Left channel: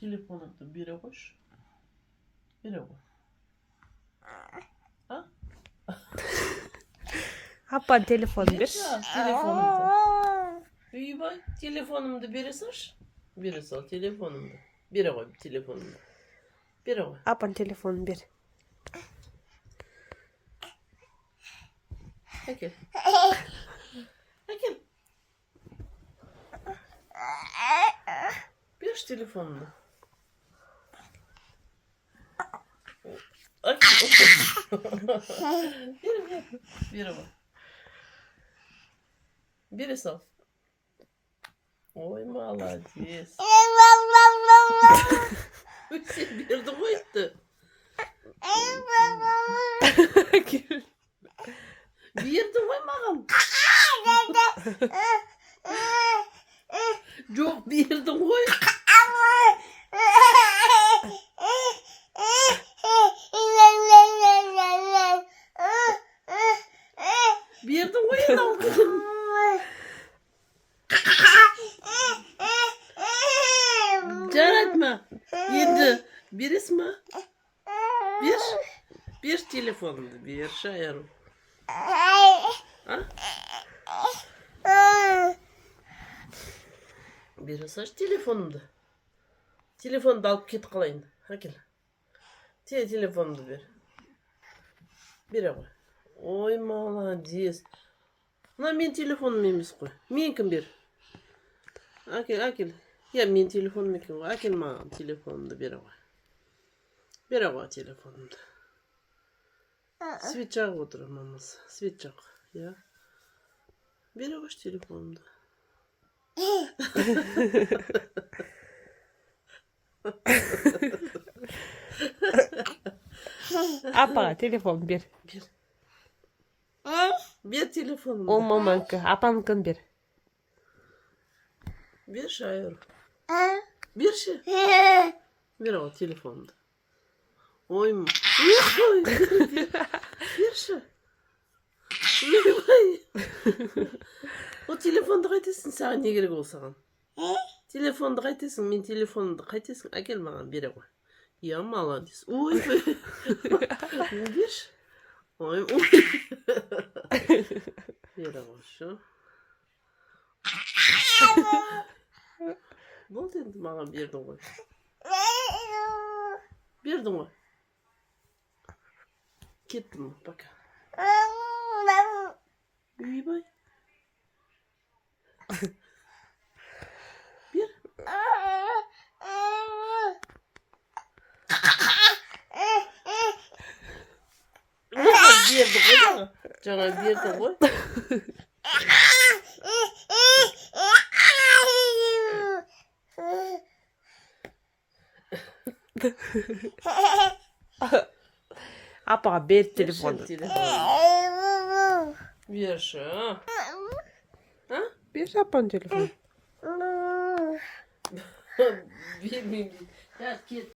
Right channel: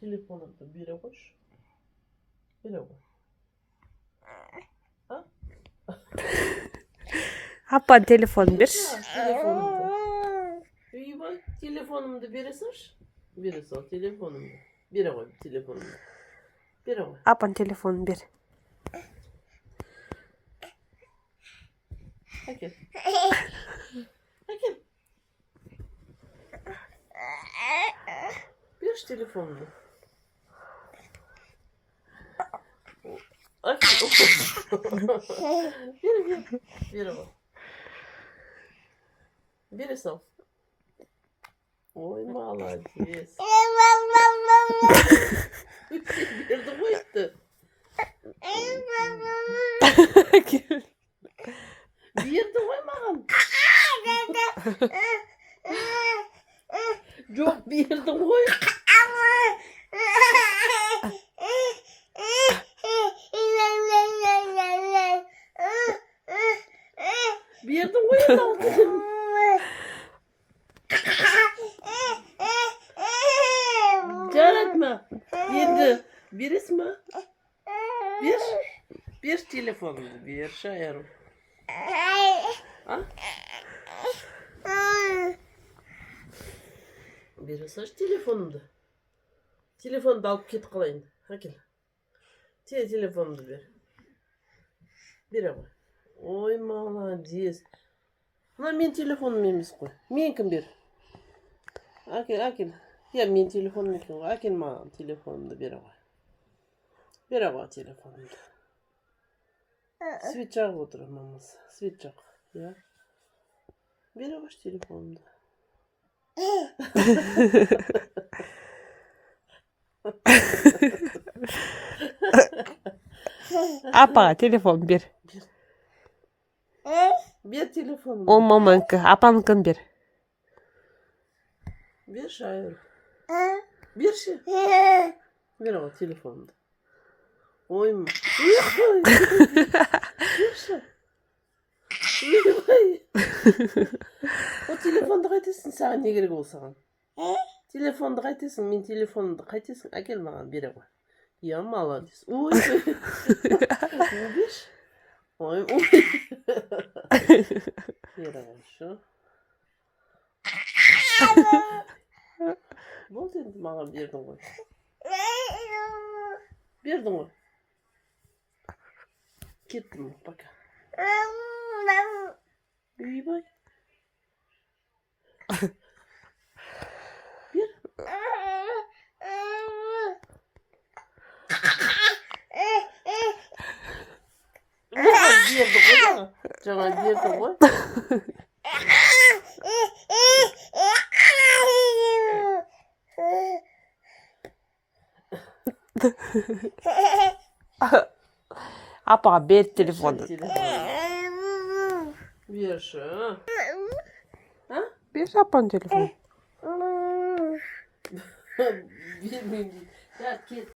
Telefonumda bire koş. Bire koy. Ha? Апа телефон берші. Telefonumda. İyi bak. Telefonumda bire sar. Bire sal telefonumda. Bire koy telefonumda. Bire koy. Апаның телефонын бер. Әкел. Әкел. Берші телефонымды. Әкел. Бер. Бері бak. Biri sal. Oy молодец. Berdi koydu. Berdi koymağım. Yok berdi koy. Berdi koyun aldım. Caratma. Yedi. Birisi mi? Bir telefonumdu. Bir şayarım. Ha? Bir saç telefonumdu. Telefonu da alıp git kalayın. Hakil. Telefonumdu bir. Bire koy. Oy молодец. Мына мен телефоным емес қой. Менікін бер. Әкел. Я мен телефоным екен ғой. Әкел маған телефонымды бере қой. Бере қой телефонымды. Свет жағып отыр мамасы. Свет жақ. Я. Бере қойшы телефонымды. Апаға телефон бер. Бер телефонымды. Ол маманікі. Апаныкін бер. Бер шайыр. Берші. Бер ғой телефонымды. Ой. Берші. Ойбай. O telefonda қайтесің? Саған не керек ол саған? Telefonda қайтесің? Мен телефонымды қайтесің? Әкел маған бере ғой. Я молодец. Ой. Берші. Ой. Бере ғой şu. Болды енді маған бердің ғой. Бердің ғой. Кеттім. Пока. Үйбай. Бер. Берді ғой жаңа. Жаңа берді ғой. Апаға бер телефонды. Берші. Бер апаның телефонын. Бермеймін. Кет.